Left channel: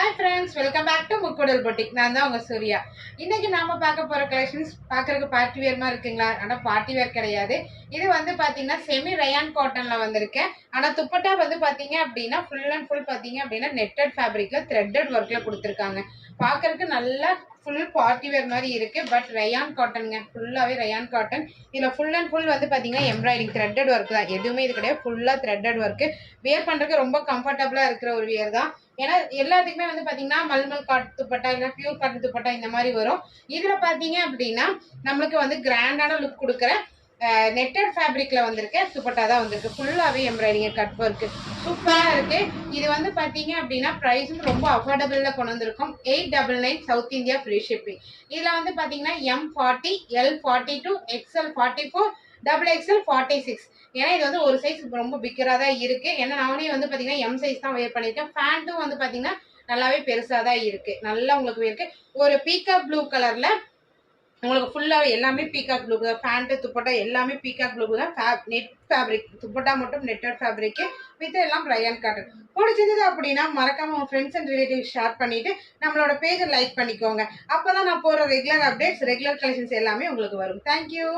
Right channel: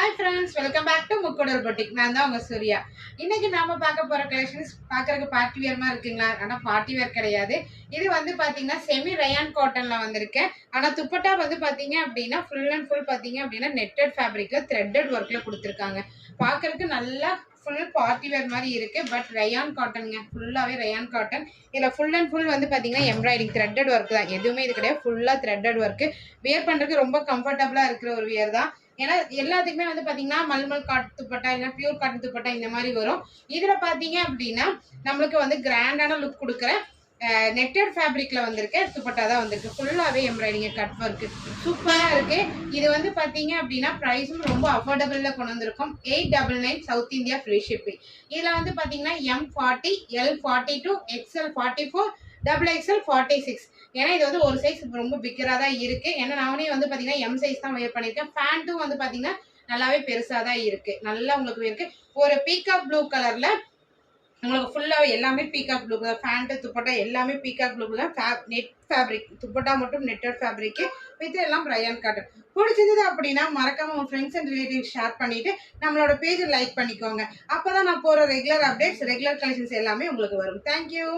Hi friends, welcome back to Mukkoodal boutique. நான் தான் உங்கள் சூர்யா. இன்னைக்கு நாம பார்க்க போகிற கலெக்ஷன்ஸ் பார்க்கறதுக்கு பார்ட்டி வேர்மா இருக்குங்களா? ஆனால் பார்ட்டி வேர் கிடையாது. இது வந்து பார்த்தீங்கன்னா செமி ரயான் காட்டனில் வந்திருக்கேன். ஆனால் துப்பட்டா வந்து பார்த்தீங்க அப்படின்னா ஃபுல் அண்ட் ஃபுல் பார்த்தீங்க அப்படின்னா நெட்டட் ஃபேப்ரிக்கில் த்ரெட்டட் ஒர்க்கில் கொடுத்துருக்காங்க. பார்க்கறதுக்கு நல்லா ஃபுல் பார்ட்டி வேர் மாதிரி இருக்கு. பட் ரயான் காட்டனுங்க, ஃபுல்லாகவே ரயான் காட்டன். இதில் ஃபுல் அண்ட் ஃபுல் வந்து பார்த்தீங்கன்னா எம்ப்ராய்டிங் த்ரெட்டட் ஒர்க் தான். எதுவுமே இது கிடையாது, ஃபுல்லாக த்ரெட்டட் ஒர்க்கு. வேர் பண்ணுறதுக்கு ரொம்ப கம்ஃபர்டபுளாக இருக்கிற ஒரு வியர் தான். ஏன்னா எல்லாத்துக்குமே வந்து பாத்தீங்கன்னா மல்மல் காட் துப்பட்டா இல்லை பியூர் காட்டன் துப்பட்டா இந்த மாதிரி வரும். இதுல பாத்தீங்க அப்படின்னா நம்மளுக்கு வந்து கிராண்டான லுக் கொடுக்குற நெட்டட் ஃபேப்ரிக்ல வந்திருக்க துப்பட்டா தான் வந்திருக்கு. ஃபுல்லாவே எம்ப்ராய்டிங் கட் ஒர்க் சூப்பரா இருக்கு. இது வந்து பாத்தீங்க அப்படின்னா பிரைஸும் ரொம்ப அஃபோர்டபுள்ல கொண்டு வந்திருக்கும். 899 சவுத் இந்தியா ஃப்ரீ ஷிப்பிங். இதுல வந்து பாத்தீங்கன்னா M40, L42, XL44, XXL 46. ஏன்னா இது வந்து ஒரு சைஸ் ரொம்ப பிக்கரா தான் இருக்கு. ஏன்னா நானே வந்து பாத்தீங்கன்னா எம் சைஸ் தான் வேர் பண்ணிருக்கேன். பேண்ட்டும் வந்து பாத்தீங்கன்னா நல்லாவே பெருசா தான் இருக்கு. நல்லா உங்களுக்கு இருக்கு. ஒரு பீகாக் ப்ளூ கலர்ல உங்களுக்கு ஃபுல்லாவே எல்லாமே பீகாக் ப்ளூ தான். பேண்ட் துப்பட்டா எல்லாமே பீகாக் ப்ளூ தான். நெட் ஃபேப்ரிக் துப்பட்டா மட்டும் நெட்டட் ஃபேப்ரிக் வித் எல்லாம் ரயான் காட்டன். பிடிச்சது அப்படின்னா மறக்காம உங்க ஃப்ரெண்ட்ஸ் அண்ட் ரிலேட்டிவ்ஸ் ஷேர் பண்ணிட்டு நம்மளோட பேஜை லைக் பண்ணிக்கோங்க. அப்பதான் நான் போற ரெகுலர் அப்டேட்ஸ் ரெகுலர் கலெக்ஷன்ஸ் எல்லாமே உங்களுக்கு வரும். தேங்க்யூ.